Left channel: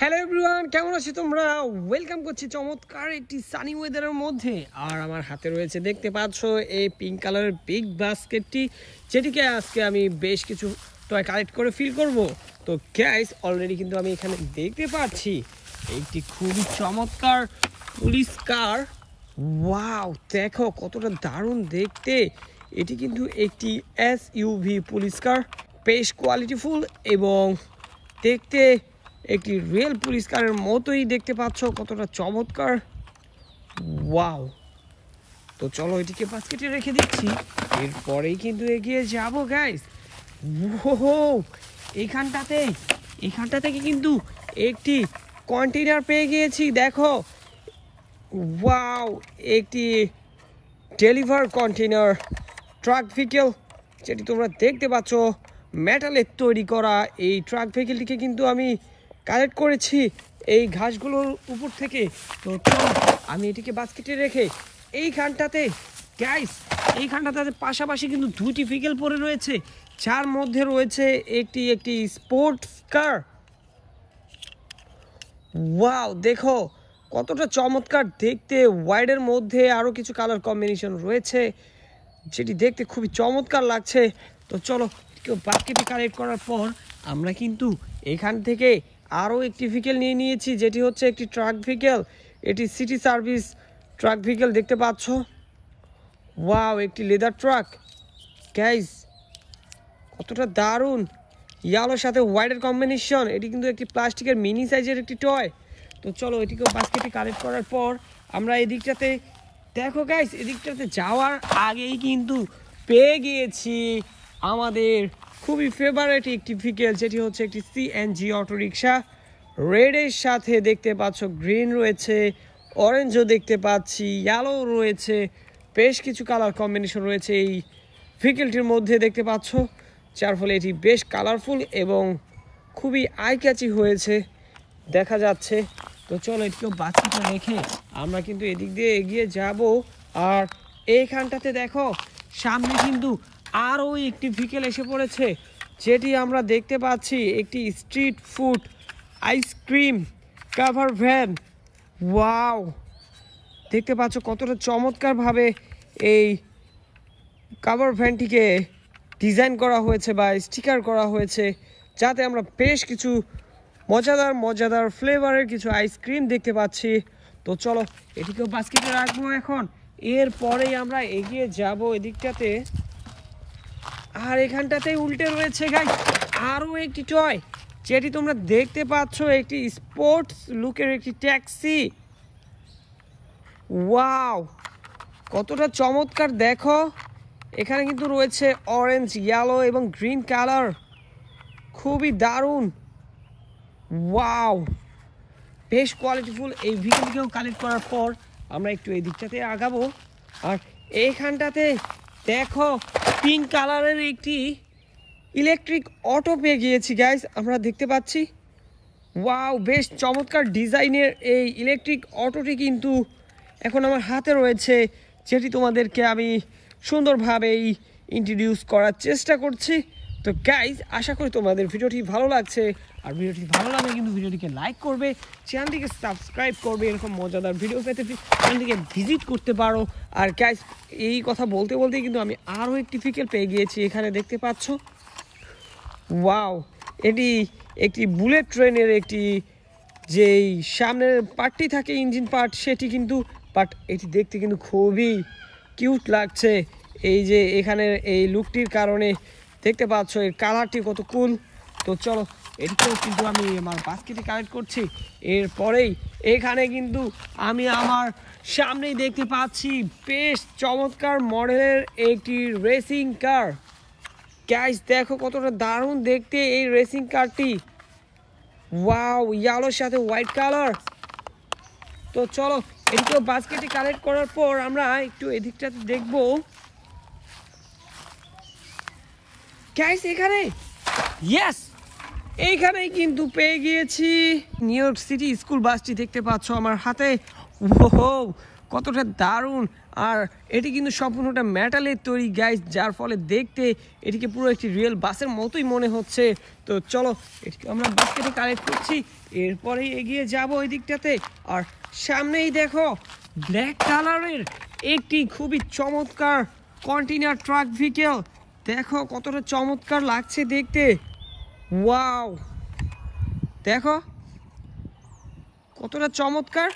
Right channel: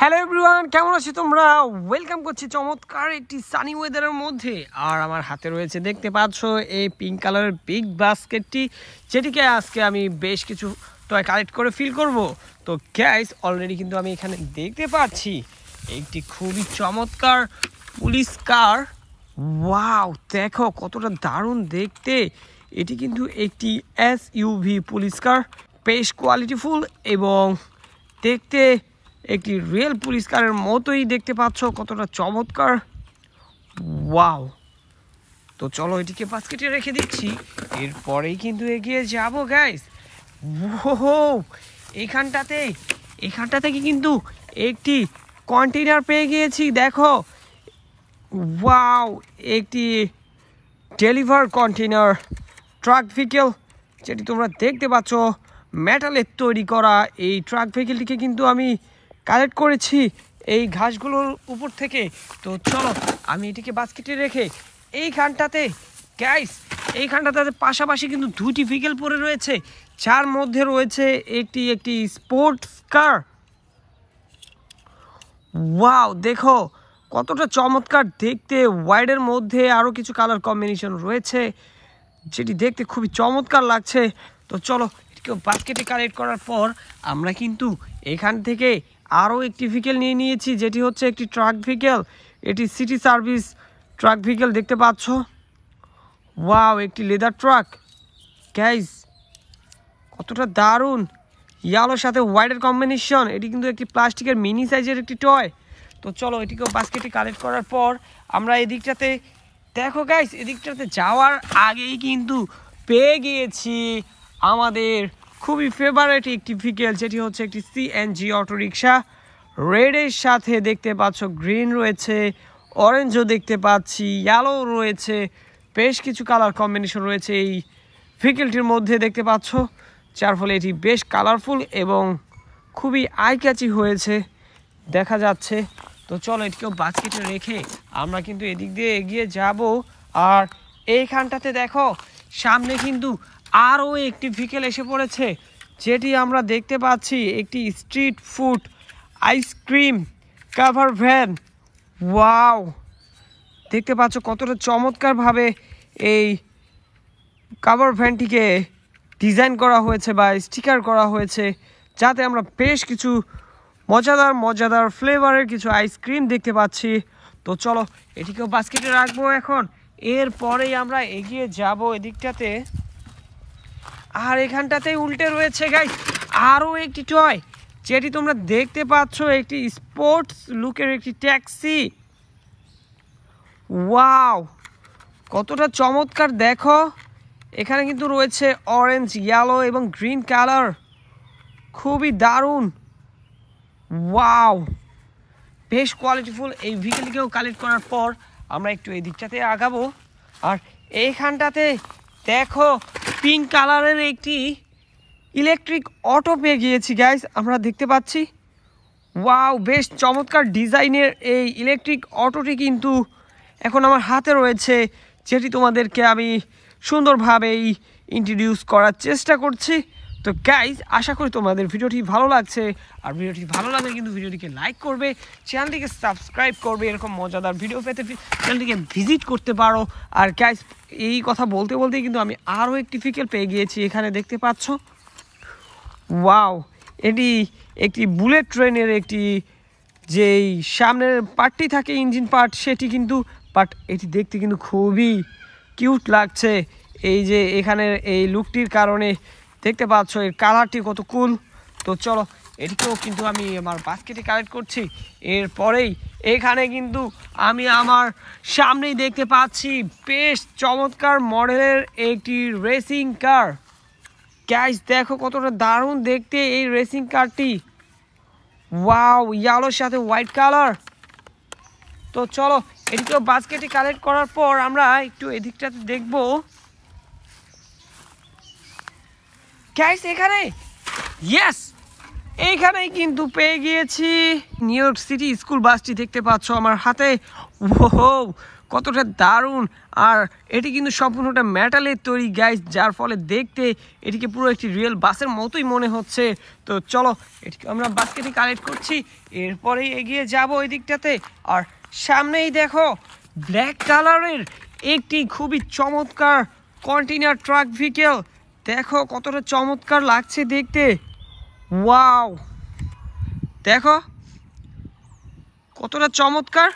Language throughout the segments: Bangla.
হ্যালো এভরিওয়ান, কেমন আছো তোমরা? ওয়েলকাম করছি চমৎকার একটি সানি ওয়েদারের মধ্যে। আর আমার হাতে রয়েছে, দেখতে পাচ্ছ, এই পিঙ্ক কালারের বিগ বাস্কেটটি, যেটিকে আজকে আমি বেশ কিছু টয় কালেক্ট করে ফিল করব। তো গাইস, অলরেডি কিন্তু আমি এখানে দেখতে পাচ্ছি একটি খুবই চমৎকার পুলিশ কার। ওয়াও, দেখো কতটা দারুণ দেখতে। এটি কিন্তু একটি এসইউভি পুলিশ কার, বেশ কোয়ালিটিফুল এবং দেখতে একটি রিয়েল পুলিশ কারের মতোই দেখতে পাচ্ছ, কতটা চমৎকার। ওয়াও, তো চলো এটিকে বাস্কেটে রেখে দিচ্ছি, এরপরেই কিন্তু এগিয়ে যাব গাইস। ওহো, এখানটা থেকে কিন্তু একটি কন্টেইনার পেয়ে গিয়েছি। দেখো, ওয়াও, একটি ডেলিভার কন্টেইনার ট্রাক ভেহিকেল, যেটি তোমরা দেখতে পাচ্ছ মেটালের তৈরি করা। এই ট্রাক ভেহিকেলটিকে কিন্তু আমি কালেক্ট করেছি এই ঘাসগুলোর উপর থেকে। তো চলো আমি এটিকে বাস্কেটে রেখে এইখানটাতে পাশাপাশি কিন্তু দুটি ভেহিকেল পড়ে রয়েছে, যার মধ্যে রয়েছে একটি স্পোর্টস কার। ওয়াও, দেখো কতটা চমৎকার দেখতে। হোয়াইটের মধ্যে আরও কিছু কালার কম্বিনেশন রয়েছে, যেটি দেখতে খুবই চমৎকার লাগছে। তো চলো এটিকে বাস্কেটে কালেক্ট করার পর আমরা কিন্তু এখান থেকে আরও একটি ভেহিকেল নিয়ে নিয়েছি, যেটি হচ্ছে একটি ট্রাক ভেহিকেল। এটি সিটি সার্ভিস ট্রাক ভেহিকেল, দেখতে পাচ্ছ। ওয়াও, একটি লেদার ট্রাক গাইস, কতটা দারুণ। ইয়ালোর সাথে হোয়াইটের কম্বিনেশন। এটি কিন্তু একটি প্লাস্টিকের মিনি সাইজের একটি টয়। তো চলো এটিকেও বাস্কেটে কালেক্ট করার পর আমরা এদিকটাতে, দেখো গাইস, এদিকটাতে যাওয়ার আগেই কিন্তু পেয়ে গিয়েছি আমাদের খুবই ফেভারিট একটি ভেহিকেল, যেটি হচ্ছে একটি সিএনজি অটোরিকশা। রেডের সাথে দেখতে পাচ্ছ গ্রিন রয়েছে, অরেঞ্জও দেখতে পাচ্ছি, ইয়েলো রয়েছে, বেশ কিছু কালার কম্বিনেশন রয়েছে এই ভেহিকেলটির মধ্যে, দেখতে পাচ্ছ, যার ফলে এটি বেশ কালারফুল এবং খুবই আই ক্যাচি হয়েছে দেখা যাচ্ছে। তো চলো এটিকেও বাস্কেটে রেখে আমরা কিন্তু এদিক দিয়ে এগিয়ে যাব। আর এইখানটাতে দেখো, সামনে কিন্তু আরও একটি ভেহিকেল এসে পড়েছে, যেটি আমরা দেখতে পাচ্ছি একটি street food ice cream cover van. Wow, দেখতে পাচ্ছ কতটা চমৎকারভাবে এই কাভার ভ্যানটিকে ডিজাইন করা হয়েছে বা স্টিকার করা হয়েছে, যাতে আমরা বেশ কিছু মজাদার ফ্লেভারের কিছু আইসক্রিম দেখতে পাচ্ছি। তো চলো এটিকেও বাস্কেটে রাখবো এখন, এরপরেই আমরা এগিয়ে যাব এদিকটাতে। আর এখানটাতেই উল্টে রয়েছে গাইস আরও একটি টয়, যেটি তোমরা দেখতে পাচ্ছ একটি স্পোর্টস লুকের একটি ট্যাক্সি। ওয়াও, কতটা চমৎকার দেখো। এখানে কিন্তু রয়েছে অরেঞ্জ, ইয়েলো এবং গ্রিন কালার, খুবই দারুণ। ওয়াও, বেশ কোয়ালিটিফুল। এই ভেহিকেলটিকেও কালেক্ট করার পর আমরা একটু এই দিকটাতে আগাবো। আর এইখানটাতে দেখো পিঙ্ক কালারের একটি ইলেকট্রিক অটো পেয়ে গিয়েছি গাইস, আমরা দেখতে পাচ্ছি। ওয়াও, বেশ চমৎকার ডিজাইনের এই ইলেকট্রিক অটোটি কিন্তু এখন আমার হাতে রয়েছে, যেটি তোমাদেরকে আমি সুন্দরভাবেই ইন্ট্রোডিউস করার চেষ্টা করছি। তো গাইজ, আশা করি তোমাদের ভিডিওটি ভালো লাগছে। আর ভিডিওটি ভালো লাগলে কিন্তু ভিডিওটিকে লাইক করবে, চ্যানেলটিকে সাবস্ক্রাইব করবে। এরকম মজাদার ভিডিও পেতে চ্যানেলটিকে ভিজিট করতে পারো। আর গাইজ, এই কথা বলতে বলতেই কিন্তু আমি আরও একটি ভেহিকেল পেয়ে গিয়েছি, এখানে দেখতে পাচ্ছ। ওয়াও, এটি একটি বুলেট ট্রেনের একটি যেই সামনের পার্টটি থাকে, ইঞ্জিন পার্ট, সেটি কিন্তু, বাট এটি দেখতে কিন্তু খুবই কিউট লাগছে। এই যে এখানের এই লুকটির কারণে দেখতে পাচ্ছ এর কালারটি কত কুল। তো চলো এটিকেও কিন্তু আমি আমার বাস্কেটে কালেক্ট করছি। এরপরেই এখানে কিন্তু আমি আমার সামনেই দেখতে পাচ্ছি বেশ চমৎকার মডেলের একটি রেসিং কার। গাইস, দেখো কতটা দারুণ দেখতে এই রেসিং কারটি। ওয়াও, ইয়েলোর সাথে হোয়াইট কালার। তো চলো এটিকেও বাস্কেটে কালেক্ট করার পর আমরা একটু এদিকটাতে দেখবো। গাইস, এখানে এইখানেই কিন্তু পেয়ে গিয়েছি নিউ ইয়র্ক সিটি স্কুল বাসটি, দেখতে পাচ্ছ আমার হাতে। ওহো, কতটা দারুণ। আর এটি কিন্তু সম্পূর্ণটা মেটালের তৈরি গাইস, যার ফলে দেখতে এটিকে পুরো একটি রিয়েল বাসের মতোই মনে হচ্ছে। তো চলো এটিকে আমরা বাস্কেটে কালেক্ট করছি, এরপরেই এগিয়ে যাব ওই দিকটাতে। আর সামনেই দেখো ব্ল্যাক কালারের একটি খুবই চমৎকার কন্টেইনার ট্রাক ভেহিকেল। দেখো কতটা চমৎকার লাগছে দেখতে। ওয়াও, দেখো কতটা চমৎকার।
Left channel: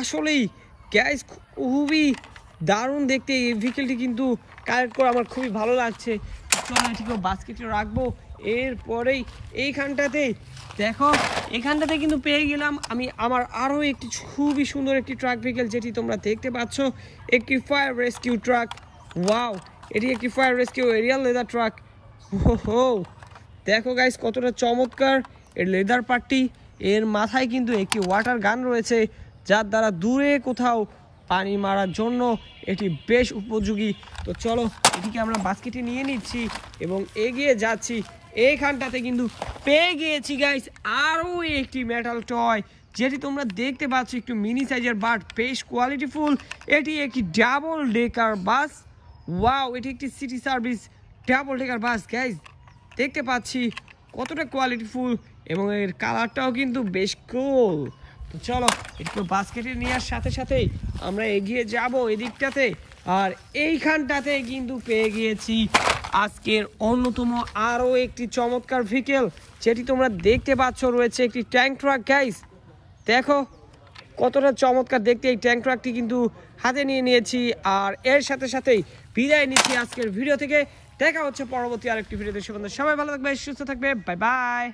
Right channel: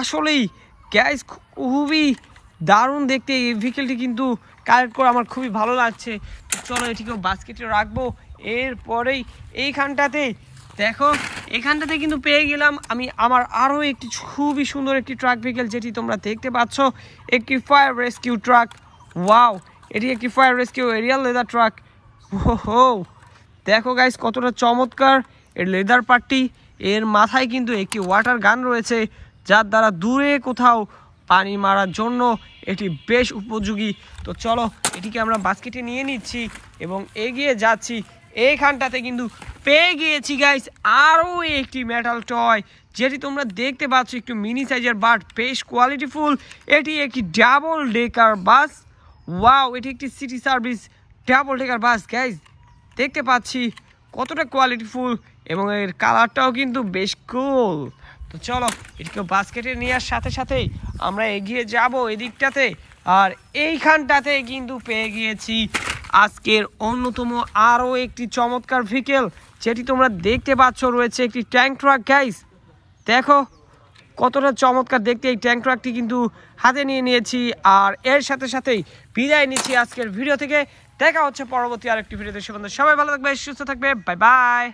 আসলেই গ্যাস খুবই দারুণ দেখতে। এই ভেহিকেলটি কিন্তু কালেক্ট করে আমার খুবই ভালো লাগছে। চলো এটিকেও বাস্কেটে রাখবো। এরপরেই এইখানটাতে দেখো, এখানটাতে কিন্তু পেয়ে গেলাম আমি আমার আরও একটি খুবই সুন্দর একটি ট্রাক ভেহিকেল, যেটি তোমরা দেখতে পাচ্ছ, একটি ফায়ার রেস্কিউ ট্রাক। ওয়াও, এটি একটি fire rescue aerial ladder truck. ওহো, দেখো গাইস কতটা চমৎকার এর লেদার পার্টটি। এর মাথায় কিন্তু একটি ওয়াটার গান রয়েছে, যার দ্বারা দূরে কোথাও পানি মারার জন্য এটি বেশ উপযোগী। তো চলো এটিকে আমরা বাস্কেটে নিয়ে নিচ্ছি এবং এগিয়ে যাচ্ছি। এইখানটাতে কিন্তু পেয়ে গিয়েছি গাইস আরও একটি মেটাল টয়, যেটি তোমরা দেখতে পাচ্ছ, একটু মিনি সাইজের বাট, বেশ কোয়ালিটিফুল। এটি একটি ডাবল ডেকার বাস। ওয়াও, এটি একটি সিটি সার্ভিস ডাবল ডেকার বাস গাইস, দেখতে পাচ্ছি কতটা কোয়ালিটিফুল এবং এর কালারটাও কিন্তু বেশ কুল। তো চলো এটিকে বাস্কেটে নেওয়ার সাথে সাথেই আমরা এগিয়ে যাব এদিকটাতে। আর এইখানটাতে কিন্তু পেয়ে গিয়েছি আজকের অন্যতম আরও একটি চমৎকার ভেহিকেল, যেটি তোমরা দেখতে পাচ্ছ রয়েছে একটি ট্যাঙ্ক ট্রাক গাইস। দেখো কতটা চমৎকার দেখতে এই ট্যাঙ্ক ট্রাকটি কিন্তু হাতে নিয়ে নিয়েছি। আর এর সাথে সাথেই বিদায় নিচ্ছি আজকের ভিডিও থেকে। দেখা হচ্ছে পরবর্তী আরেকটি ভিডিওতে। সবাই ভালো থাকবে, সুস্থ থাকবে, বাই বাই।